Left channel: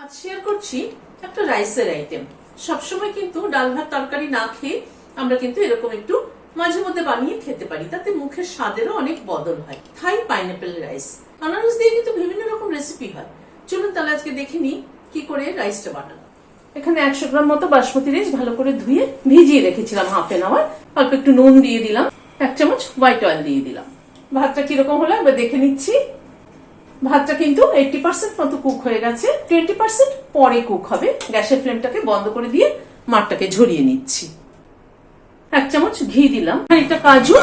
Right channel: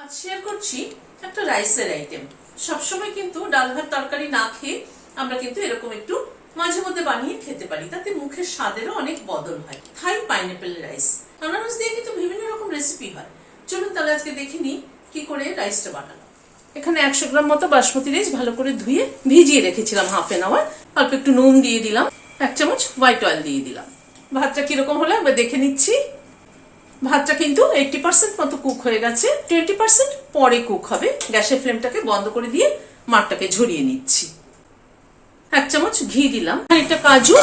আজ শেয়ার করছি একটা রাইসের আইটেম। সবসময় কিন্তু ডাল ভাত তরকারি না খেয়ে আমরা কিন্তু এরকম একটু মাঝে মধ্যে বানিয়ে খেতে পারি, তাতে মুখের স্বাদেরও অনেক বদল হয়। থাই পাইনাপেল রাইস, আনারস দিয়ে কিন্তু বিভিন্ন রকম রেসিপি হয়। চলুন তাহলে আজকে দেখে নিই কি করে রাইসটা বানানো। এখানে 100 গ্রাম মতো বাসমতি রাইস ভালো করে ধুয়ে ভিজিয়ে রেখেছিলাম হাফ এন আওয়ার। অল্প একটু নুন দিয়ে দিলাম, 1 চামচ হোয়াইট অয়েল দিয়ে দিলাম। ভাতটা কিরকম হলো এবার দেখে নিচ্ছি। ভাতটা কিন্তু 80% মতো কুক হয়ে গেছে, 20% পরে কুক হবে। গ্যাসের ফ্লেমটাকে বন্ধ করে দিয়ে মাঠটাকে ঝরিয়ে নিচ্ছি। 1 চামচ ঘি দিলাম, খানিকটা কাজু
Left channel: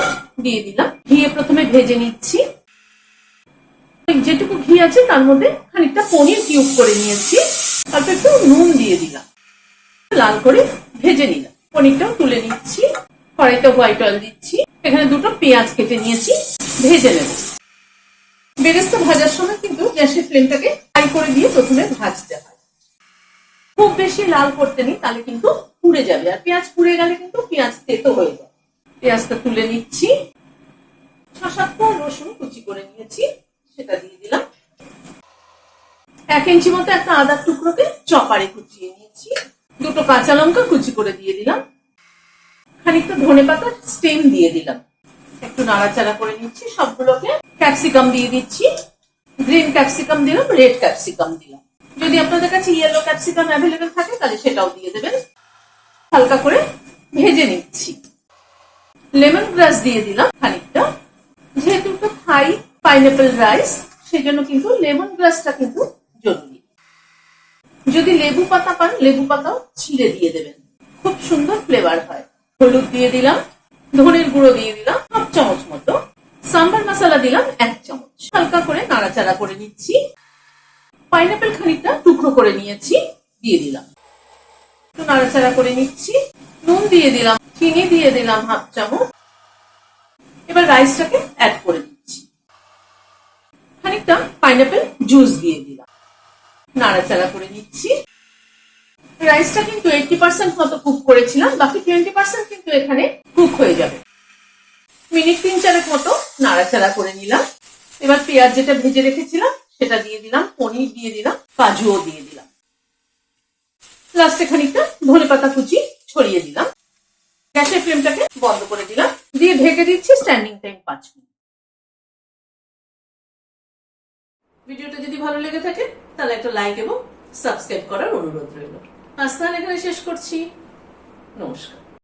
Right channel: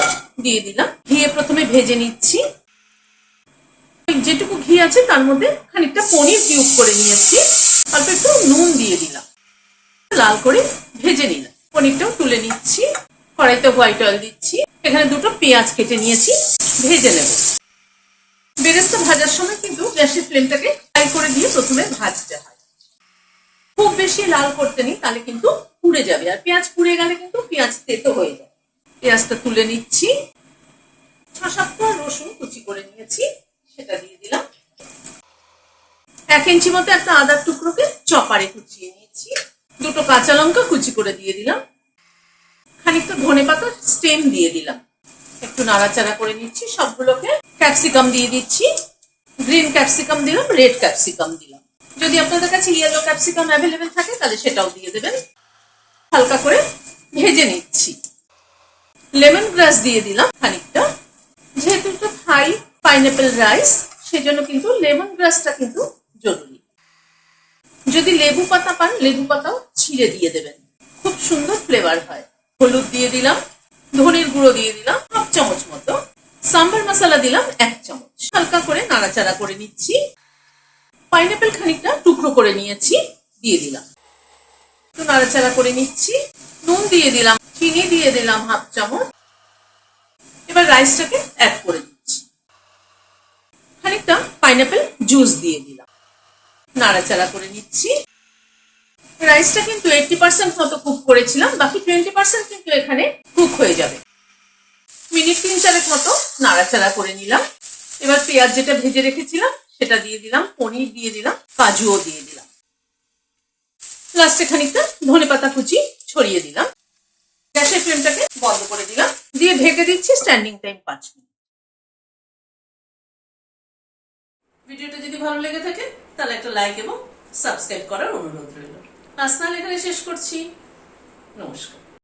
দিয়ে দিলাম। ঘিয়ে প্রথমে ভেজে নিচ্ছি। যেটুকু ঘি আছে তার মধ্যে খানিকটা পনির কিউব করে নিয়েছি, অল্প একটু নুন দিয়ে দিলাম, লাল করে ভেজে নিলাম। পনিরটাও তুলে নিচ্ছি। কড়াইতে হোয়াইট অয়েল দিচ্ছি। এখানে দুটো পেঁয়াজ কেটে নিয়েছি, ভেজে নেব। বেরেস্তা ভাজার সময় কিন্তু গ্যাসের ফ্লেমটাকে হাই করে দিয়ে প্রথমে ভাজতে হয়। খুব বেশি লাল করতে নেই, তাহলে কিন্তু পুড়ে যাবে, আর পেঁয়াজ পুড়ে গেলে কিন্তু পেঁয়াজ তেতো হয়ে যায়। পেঁয়াজটা তুলে নিচ্ছি। 6-7 কোয়া রসুন কুচি করে নিয়েছি, সেটা দিয়ে দিলাম। 1 ইঞ্চি মতো একটা আদার টুকরোকে চপারে কুচিয়ে নিয়েছি। দুটো কাঁচা লঙ্কা কুচি করে দিয়ে দিলাম। খানিকটা ধনেপাতার স্টেম দিয়ে দিলাম। একটু নাড়াচাড়া করে নিচ্ছি সবগুলোকে। ক্যাপসিকাম দিয়ে দিচ্ছি। গ্রিন ক্যাপসিকাম দিলাম, রেড ক্যাপসিকাম দিলাম। যদি আপনাদের কাছে ইয়েলো ক্যাপসিকাম অ্যাভেলেবেল থাকে তাহলে সেটাও দিয়ে দেবেন। হালকা করে ভেজে নিচ্ছি। লেমন গ্রাস দিয়ে দিলাম খানিকটা। যেহেতু এটা থাই পাইনাপেল রাইস, সেজন্য কিন্তু লেমন গ্রাসটা কিন্তু জরুরি। যদি লেবু পাতা পান, লেবু পাতাও ছিঁড়ে দিয়ে দেবেন, খুব সুন্দর ফ্লেভার হয়। হলুদ দিয়ে দিলাম, ধনের গুঁড়ো দিয়ে দিলাম 1/2 চামচ মতো, সাম্বার মশলা দিলাম 1 চামচ। হালকা করে নাড়াচাড়া করে নিচ্ছি। পাইনাপেল খানিকটা টুকরো করে নিয়েছি, দিয়ে দিলাম। নাড়াচাড়া করে নিচ্ছি। নুন দিয়ে দিলাম, চিনি দিয়ে দিলাম 1/2 চামচ। এবার রাইসটাকে অ্যাড করে দিচ্ছি। খানিকটা পাইনাপেল জুস দিয়ে দিলাম, নাড়াচাড়া করে নিচ্ছি। রাইসটা কিন্তু 80% মতো কুক করেছিলাম, বাকি 20% কিন্তু এখানে কুক হয়ে যাবে। মিনিট 3-4 মতো নাড়াচাড়া করে নিলাম। এবার পেঁয়াজ যেটা ভেজে রেখেছিলাম সেটা দিয়ে দিলাম, পনির দিয়ে দিলাম, কাজুও দিয়ে দিলাম। লাস্টে খানিকটা ধনেপাতা কুচি ছড়িয়ে দিলাম। গ্যাসের ফ্লেমটাকে বন্ধ করে দিলাম, দিয়ে ঢেকে দিচ্ছি স্ট্যান্ডিং টাইম 5 মিনিট। ভিডিওটা যদি ভালো লেগে থাকে তাহলে একটা লাইক এবং সাবস্ক্রাইব করার অনুরোধ রইল। আজ তাহলে এখানে শেষ করছি। নমস্কার।